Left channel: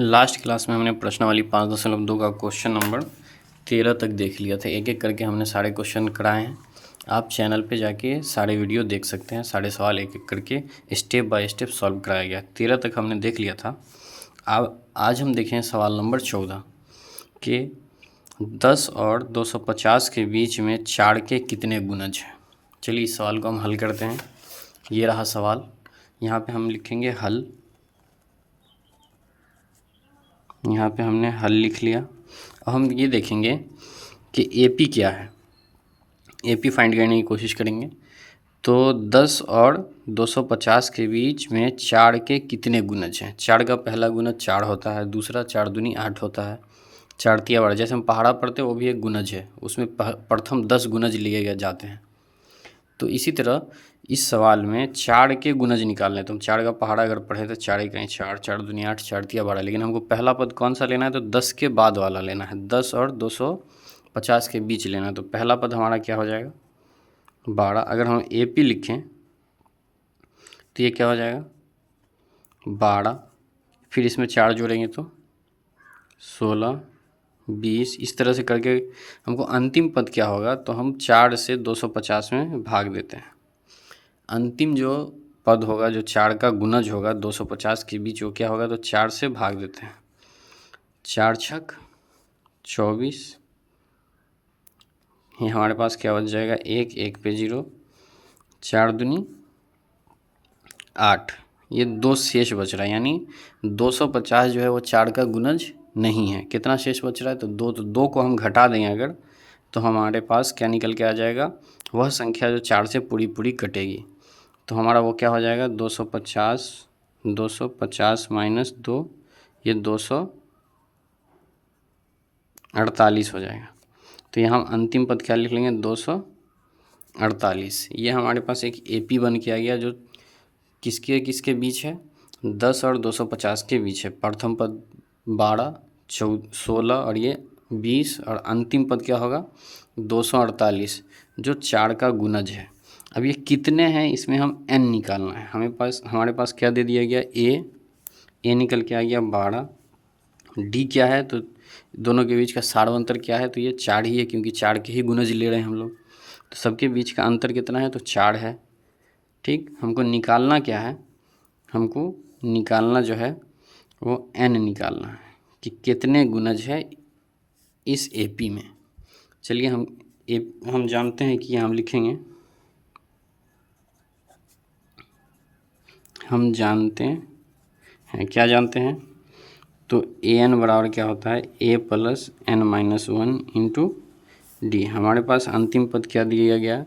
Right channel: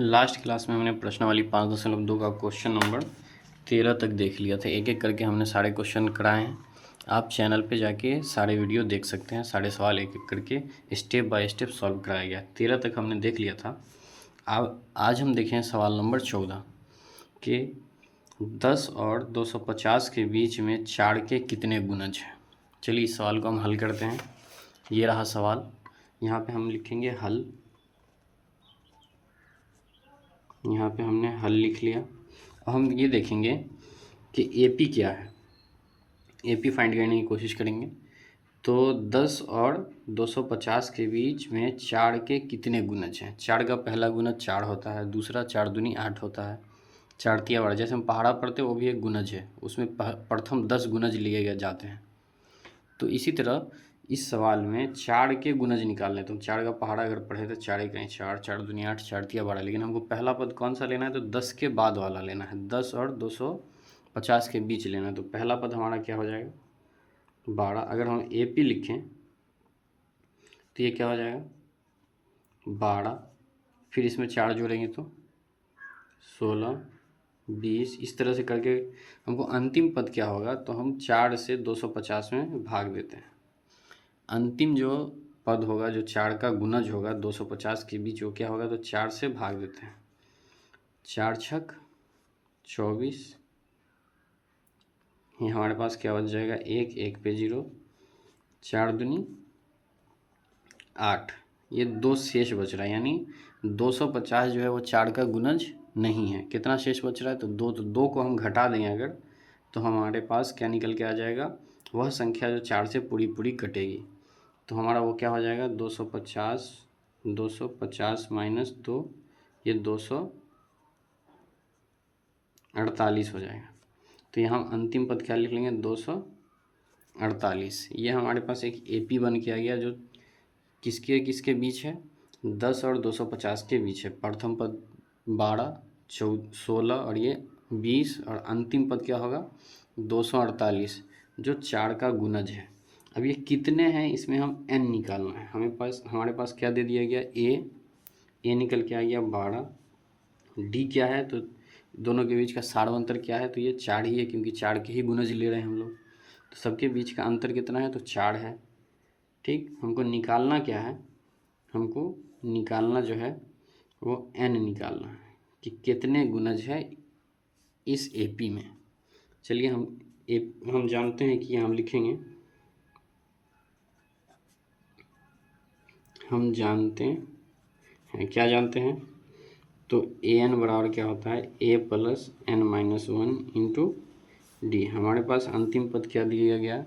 Last class में हमने प्रश्नावली 5.2 का क्वेश्चन नंबर 13 तक देख लिया था। एक एक करके हमने सारे क्वेश्चन कराए हैं। आप चैनल पे जाके सारे वीडियो देख सकते हैं। सारे सवाल एक एक करके स्टेप बाय स्टेप सॉल्व कराया गया। 13 तक हमने देख लिया था। अब आज हम देखें सवाल नंबर 14 कि 10 और 250 के बीच में 4 के कितने गुणज हैं। चलिए इस सवाल को हम हल करते हैं। ये रहा सवाल। यहाँ पे हम लिखेंगे हल। यहाँ पे हमने हल लिख लिया। अब हम ये देखेंगे कि एपी क्या है। एपी फाइंड करने की कोशिश करेंगे। तो 10 और 250 के बीच में 4 के कितने गुणज हैं। 4 का पहला गुणज 4 होता है, दूसरा 4 दूनी 8 होता है, 4 तिया 12। जैसे हम पहाड़ा पढ़ते हैं वो भी एक गुणज है, उसमें प्रथम 10 गुणज लिए गए जाते हैं। तो इसी तरह इस सवाल में 4 के गुणज निकालने। तो हम 4 का पहाड़ा अगर पढ़े तो 4 ही कहीं 4, 4 दूनी 8, 4 तिया 12। लेकिन हमको पहला पद कौन सा लेना है, तो 10 के बाद वाला लेना है। 10 और 250 के बीच लेना है। तो पहला पद हमारा क्या हो जाएगा, 12। अगर हम एपी लिखें तो ये क्या हो जाएगा, 12। फिर इसमें 4 जोड़ेंगे तो 16, 20। इस तरह से करके हमको अंतिम पद क्या होगा, तो हम 4 से 250 में भाग देते हैं। अंतिम जो पद होगा, जो 4 का गुणज होगा 250 के बीच, वो क्या होगा, तो 4 से भाग देते हैं। 4 छक 24। ये हमारे पास क्या बच जाएगा, 1, 1 पे 0, 4 दूनी 8। ये 2 शेष बच रहा है, यानी 250 जो है वो 4 का गुणज नहीं है। कितना शेष बच रहा है, तो 2। तो 2 को हम घटा देंगे अगर, तो हमारे पास क्या निकल के आ जाएगा, वह संख्या जो 4 से पूरी पूरी कटेगी। तो हमारा वो क्या हो जाएगा, 250, 250 माइनस 2, ये 248 हो जाएगा। तो यहाँ हम अंतिम पद क्या लिख लेंगे, 248। ये हमारे पास एक एपी बन के आ गया, जो किसके किसके बीच है, 10 और 250 के बीच है। प्रथम पद 12, 16 और ये 20, और अंतिम पद क्या होगा, 248, जो 4 का गुणज है। अब ये कितने हैं, इसमें हम n निकालना है। हमारे पास क्या दे दिया गया, a निकल के आ गया 12। d क्या है, तो दोनों के बीच का सार अंतर क्या है, तो ये 4 ही है, क्योंकि 4 के ही गुणज ले रहे हैं हम लोग। तो सबके बीच का अंतर कितना है, तो 4 है। ठीक, हमको निकालना क्या है, हमको निकालना जो है वो n निकालना है कि कितने गुणज है इस एपी में। चलिए हम जानते हैं कि हम लिखेंगे, हम जानते हैं, क्या जानते हैं, तो an बराबर क्या होता है, a plus n minus 1 into D. हमारे पास अंतिम पद क्या दिया गया,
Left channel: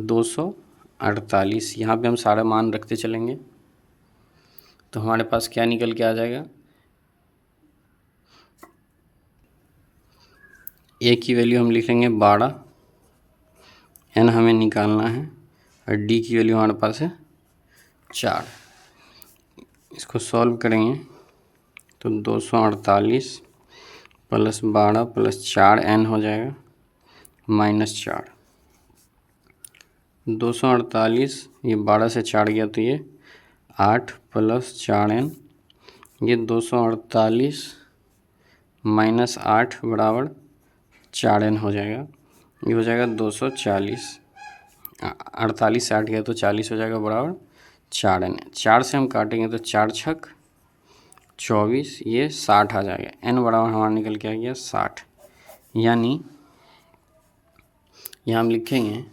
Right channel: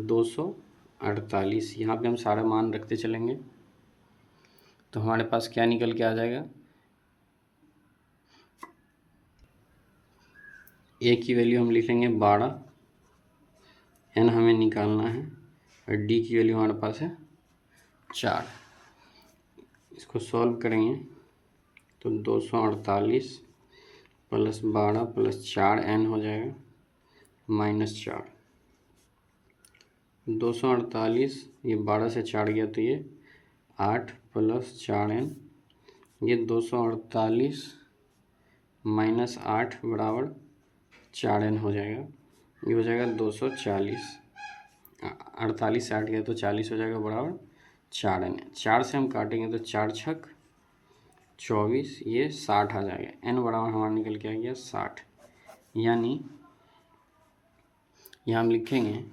248। यहाँ पे हम सारा मान रखते चलेंगे, तो हमारे पास क्या निकल के आ जाएगा, ए की वैल्यू हम लिखेंगे 12, एन हमें निकालना है, और डी की वैल्यू हमारे पास है 4। इसको सॉल्व करेंगे तो 248 प्लस 12 प्लस 4 एन हो जाएगा माइनस 4। 248, ये 12 से 4 गया तो ये 8 प्लस 4 एन, ये 248 माइनस 8 बराबर 4 एन हो जाएगा। ये हो जाएगा 240। 48 से 8 गया तो 40 हो जाएगा बराबर 4 एन। 4 से हम काटेंगे तो 4 छक 24, ये 60 आ जाएगा। एन बराबर हमारा निकल के आ गया 60। यानी यहाँ हम लिखेंगे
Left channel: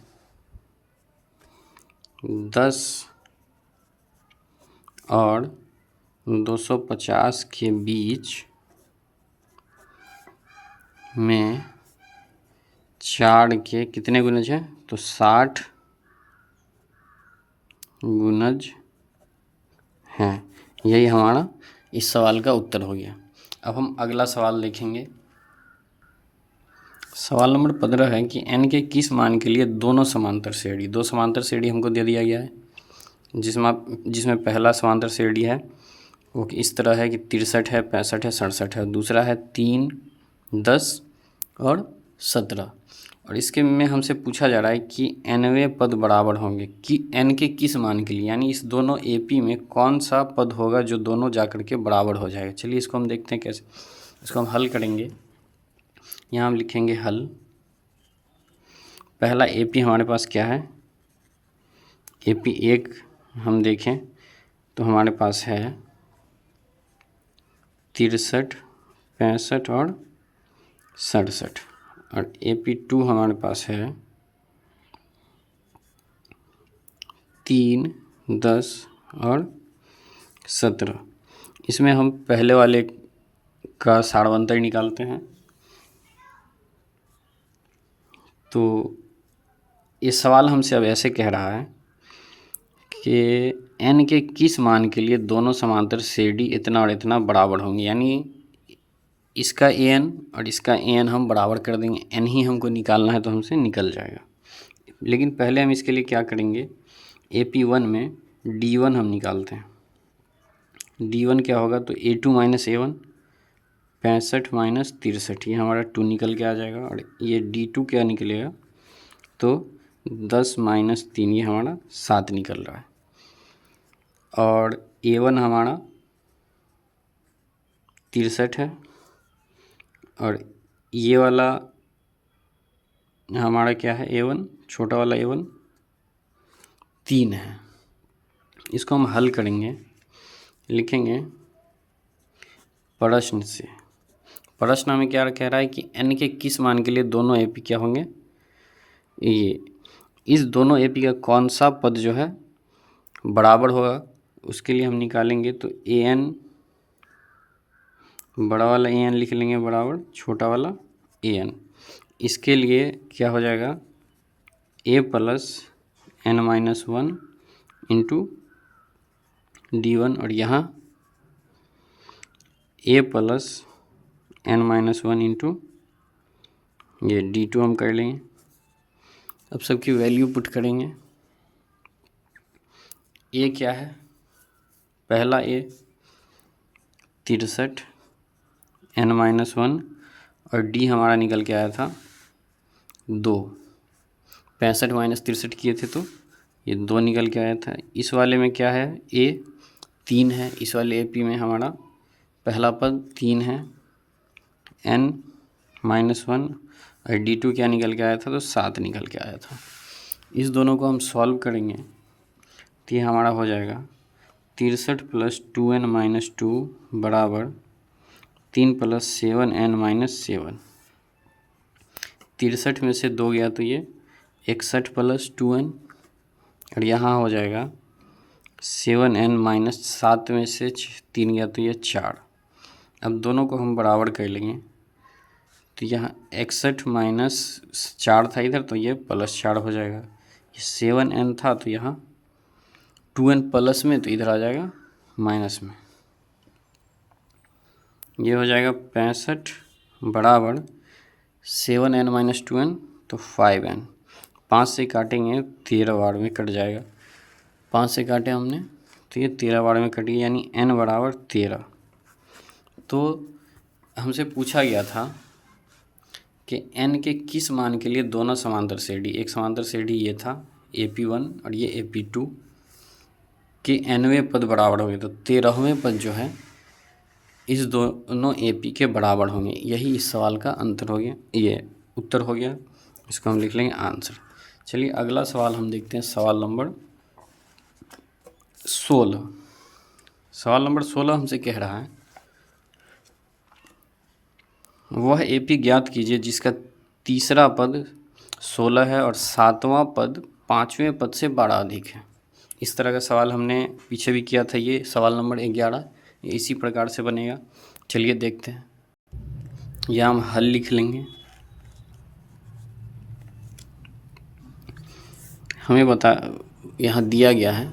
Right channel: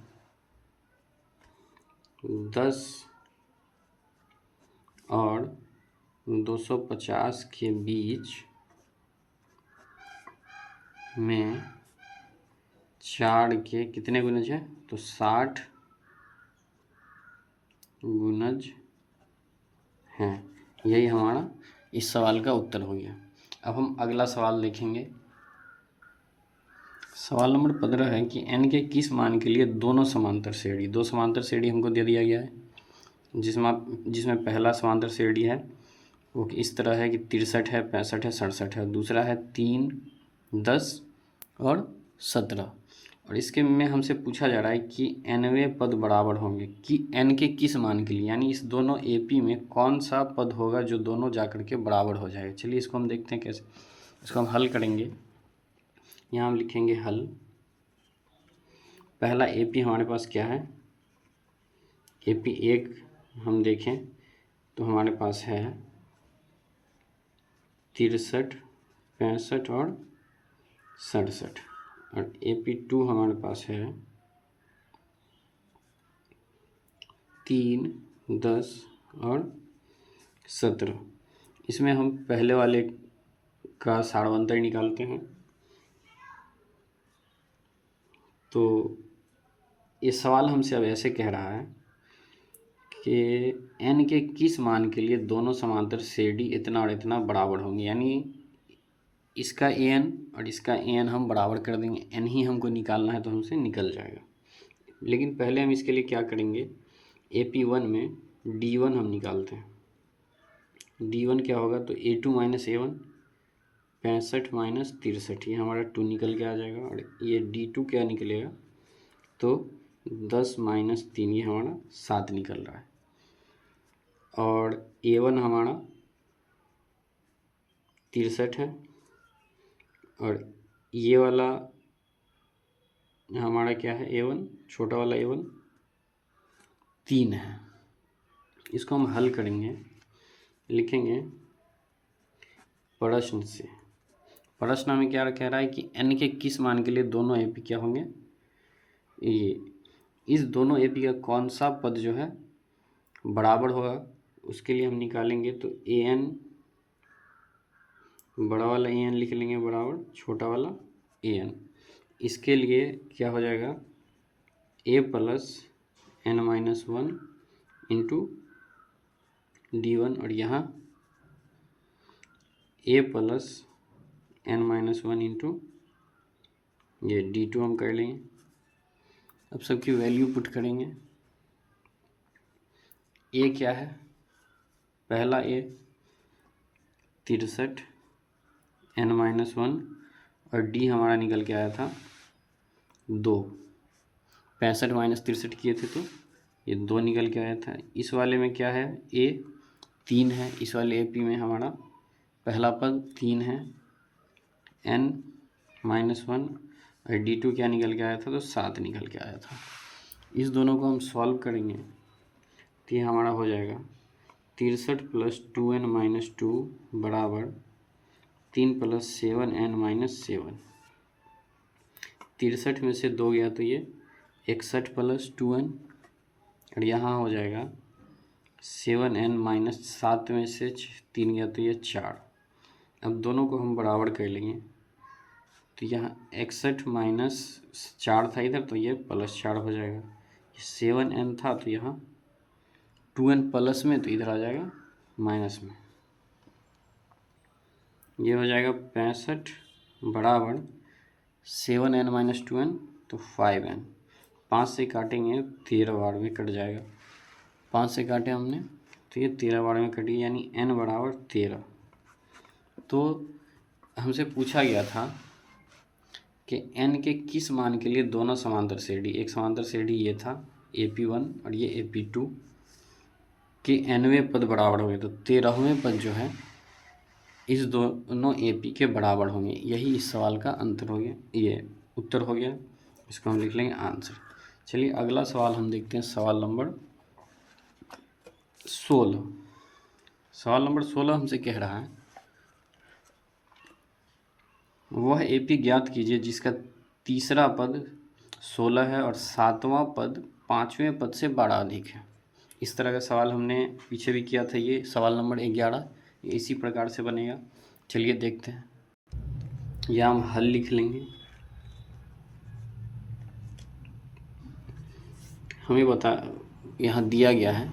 10 और 250 के बीच में 4 के कितने गुणज हैं, तो 60 गुणज हैं। यही हमारा इस सवाल का उत्तर हो गया। अब हम अगला सवाल देखेंगे। सवाल नंबर 15 है कि n के किस मान के लिए दोनों समांतर श्रेणी, दो समांतर श्रेणी हमको दे दिया गया है, जिसमें पहला समांतर श्रेणी है वो इस तरह है कि 63 है, 65 है, 67 है। दूसरा है 3, 10 और 17। और इसके में हमसे पूछा जा रहा है कि nवें पद बराबर होंगे कि n के किस मान के लिए, यानी इस दोनों AP में कौन सा पद होगा जो दोनों जाकर के बराबर हो जाएगा। चलिए इसको हम देखते हैं कैसे। इसको हम हल करेंगे। यहाँ हम लिखेंगे हल। पहला AP हमारे पास क्या है, AP 1 हम देखें तो हमारे पास है 63, 65 और 67, और AP 2 हमारे पास है 3, 10 और 17। इसमें हम पहले वाले का सारवंतर निकालते हैं। तो ये सवाल हमसे अब ऐसे कह रहा है कि n के किस मान के लिए दोनों समांतर CD इतना और इतना बराबर होंगे, यानी इसका an और इसका an हम बराबर कर देंगे। n ही हमको निकालना है तो हमसे निकल जाएगा। लेकिन पहले हम इसके लिए क्या करेंगे, AP1 में D1 हम निकालते हैं। D1 क्या होगा, तो A2 माइनस A1, 65 माइनस 63, ये हमारा 2 निकल के आ जाएगा। और ये D2 क्या निकलेगा, तो 10 माइनस 3, ये हमारा 7 निकल रहा है। और A1 हमारा 63 है, और ये वाला हमारा क्या है, A1 छोटा वाला A1 3 है। इसको हम हल करेंगे, लिखेंगे प्रश्न से। प्रश्न हमें क्या कह रहा है कि n के किस मान के लिए दोनों AP क्या होंगे, ये इस दोनों AP का कौन सा पद जो है बराबर होगा, उसके लिए हम निकालेंगे। तो an बड़ा वाला an लिख लेंगे बराबर छोटा वाला an। इसके लिए क्या हो जाएगा, a plus n minus 1 into D1, और यहाँ a plus n minus 1 into ये D2 हम कर लेंगे। अब सबकी वैल्यू पुट करेंगे। a क्या है, पहला a 63, n माइनस 1, और D हमारा निकल के आया था 2। 65 माइनस 63 किए थे तो ये 2 निकल के आया था। इस वाले में क्या है, a 3 है। इस वाले AP में हमारा पहला पद 3 है, n माइनस 1, और D2 क्या निकल के आया था, तो 7 निकल के आया था। इस दोनों को हम सॉल्व करेंगे तो ये हमारा हो जाएगा 63 प्लस 2n माइनस 2 बराबर 3 प्लस 7n माइनस 7। 63 में से 2 गया तो ये 61 प्लस 2n, और यहाँ हो जाएगा 7n माइनस 7 में से 3 गया तो ये 4। अब दोनों को हम बराबर कर लेंगे। तो यहाँ 61 माइनस 4 था इधर, तो ये प्लस 4 हो जाएगा। ये 7n था तो यहाँ 2n प्लस में, तो इधर आ जाएगा माइनस में। ये हो जाएगा 65 बराबर 7n माइनस 2n, तो 5n। 5 से काटेंगे 13 बार में कट जाएगा। 5 से काटे हमने तो ये 13 बार में कट गया, यानी n बराबर 13। तो हमसे पूछा गया था कि n के किस मान के लिए दोनों समांतर CD, एक समांतर CD ये था AP1 और ये AP2 के nवें पद बराबर हो गए, तो 13वें पद जो है इस दोनों AP के बराबर होंगे। यही इस सवाल का अंतर हो गया, ये उत्तर हो गया। इसको हम लिख लेंगे आंसर। चलिए अगला सवाल हम देखते हैं, सवाल नंबर 16। सवाल नंबर 16 हमसे कह रहा है, वह AP ज्ञात कीजिए जिसका तीसरा पद 16 है और 7वां पद 5वें पद से बड़ा अधिक है। इस तरह का सवाल हमने पीछे भी किया था, ये सवाल नंबर 11, ये इसी प्रकार से बनेगा। चलिए देखते हैं। यह हम हल लिख लेंगे। हमें यहाँ दिया गया है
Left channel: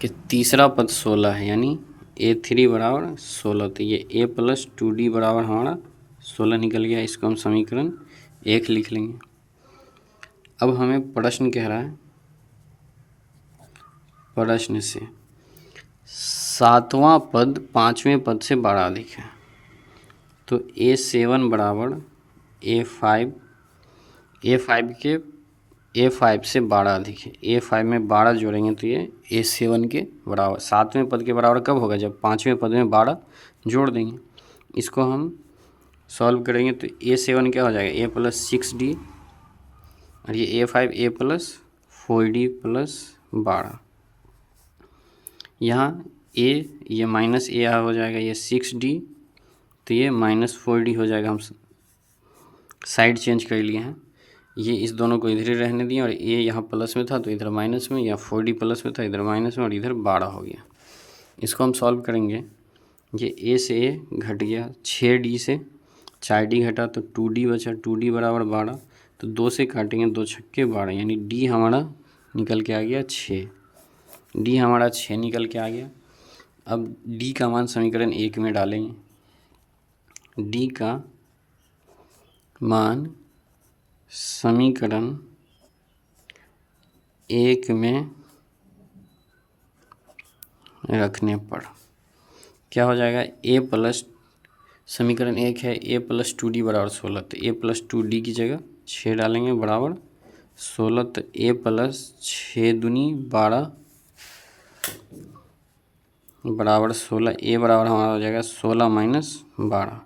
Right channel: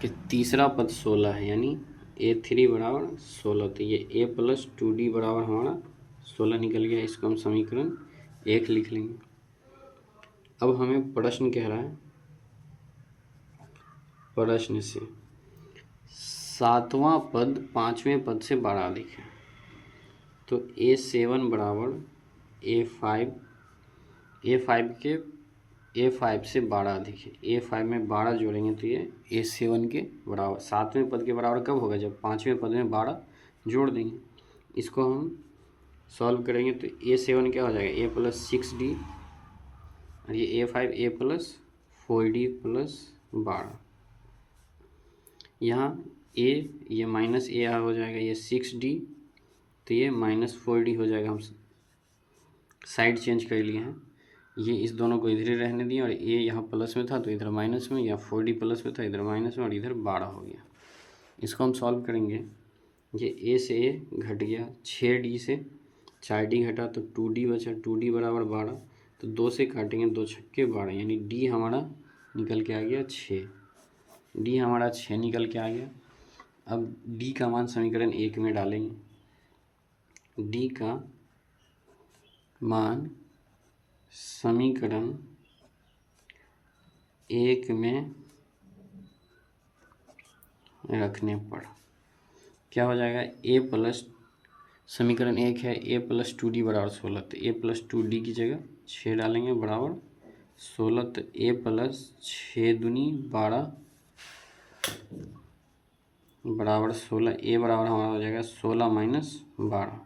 कि तीसरा पद 16 है, यानी A3 बराबर 16, तो ये A प्लस 2D बराबर हमारा 16 निकल गया। इसको हम समीकरण 1 लिख लेंगे। अब हमें प्रश्न कह रहा है, प्रश्न से 7वां पद 5वें पद से बड़ा अधिक है, तो A7 बराबर A5 A5 से 12 अधिक है। A5 में 12 जोड़ेंगे तो ये A7 के बराबर, 7वें पद के बराबर कब होगा, जब 5वें पद में 12 जोड़ देंगे। इसको हम सॉल्व करेंगे तो A7 क्या हो जाएगा, A प्लस 6D, और ये A5 A plus 4D plus 12। यहाँ ये माइनस ए हो जाएगा, ये 6D, तो ये माइनस 4D हो जाएगा। हम साइड चेंज कर लिए हैं, ये इस दोनों को इधर ही रहने दिए, और ये यहाँ प्लस में था तो इधर माइनस में, या 4D प्लस में था इधर माइनस में, और इधर 12 हो गया। इसको हम सॉल्व करेंगे, ये A से A घट गया, 6D से 4D घटा तो 2D बचा, 2D बराबर 12, तो 2 से काटेंगे, 2 छक्के 12, यानी D हमारा निकल के आ गया 6। D हमारा 6 निकल के आ गया। अब D का मान समीकरण 1 में डालेंगे। D का मान समीकरण 1 में रखने पर क्या हो जाएगा, A प्लस, समीकरण 1 है A प्लस 2D बराबर 16, तो A प्लस 2D की जगह 6 डालेंगे बराबर 16, तो A प्लस 6 दूनी 12 बराबर 16। A बराबर हमारा हो जाएगा 16 माइनस 12,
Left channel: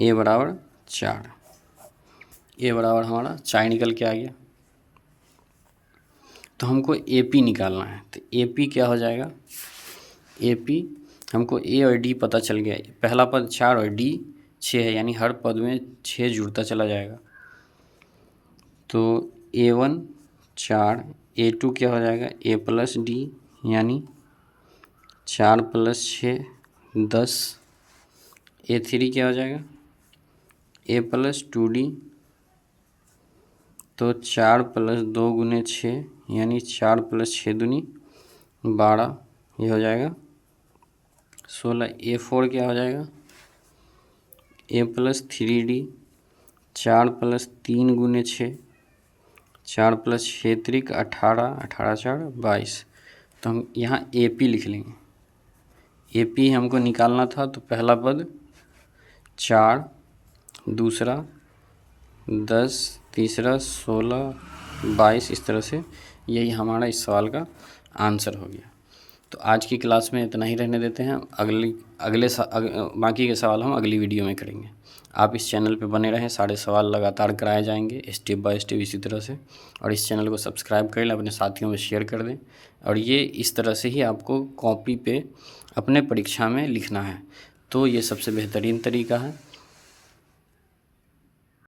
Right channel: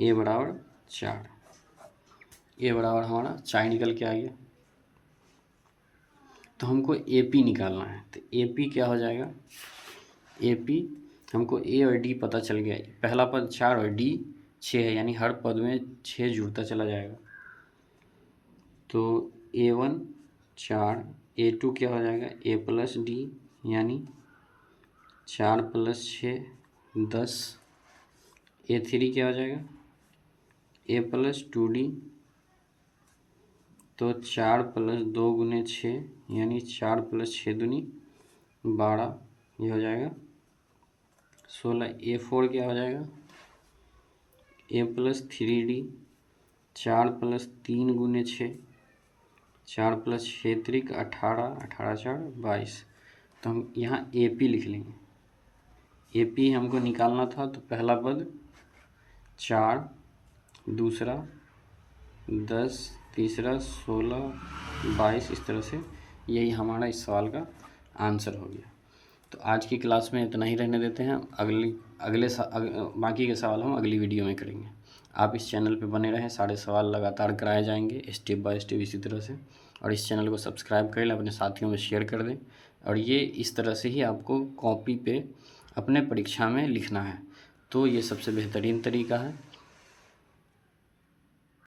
A बराबर 4। A बराबर हमारा 4 निकल के आ गया। तो हमको AP निकालना है, तो AP क्या हो जाएगा, AP हमको A और D पता चल गया, पहला पद 4 और D 6 है, यानी हर पद में 6 जुड़ता चला जाएगा। तो A1 4, A2 क्या हो जाएगा, A प्लस D, यानी 4 प्लस 6 10, A3 क्या हो जाएगा, A प्लस 2D, तो 4 प्लस 2 गुने 6, यानी 4 प्लस 6 दूनी 12, ये हो जाएगा 16। A4 क्या हो जाएगा, A प्लस 3D, 4 प्लस 3 गुने 6, 4 प्लस 6 त्रिक 18, 18 4 22, तो हम यहाँ AP लिख लेंगे। AP हमको निकालना था, तो पहला पद 4, दूसरा 10, तीसरा 16, 22, इस तरह से यही हमारा इस सवाल का आंसर हो गया। तो आज की क्लास में इतना ही रहने देते हैं, बाकी के सवाल हम अगली वीडियो में करेंगे। आप इस चैनल पे बने रहें, सारे सवाल लगातार कराए जाएंगे स्टेप बाय स्टेप इसी तरह से, और इस चैनल को सब्सक्राइब कर लें, अपने साथियों में शेयर कर दें, और ये इस तरह से ही आपको कॉपी पे अपने परीक्षा में लिखना है, तो ये सबसे बेहतरीन तरीका है।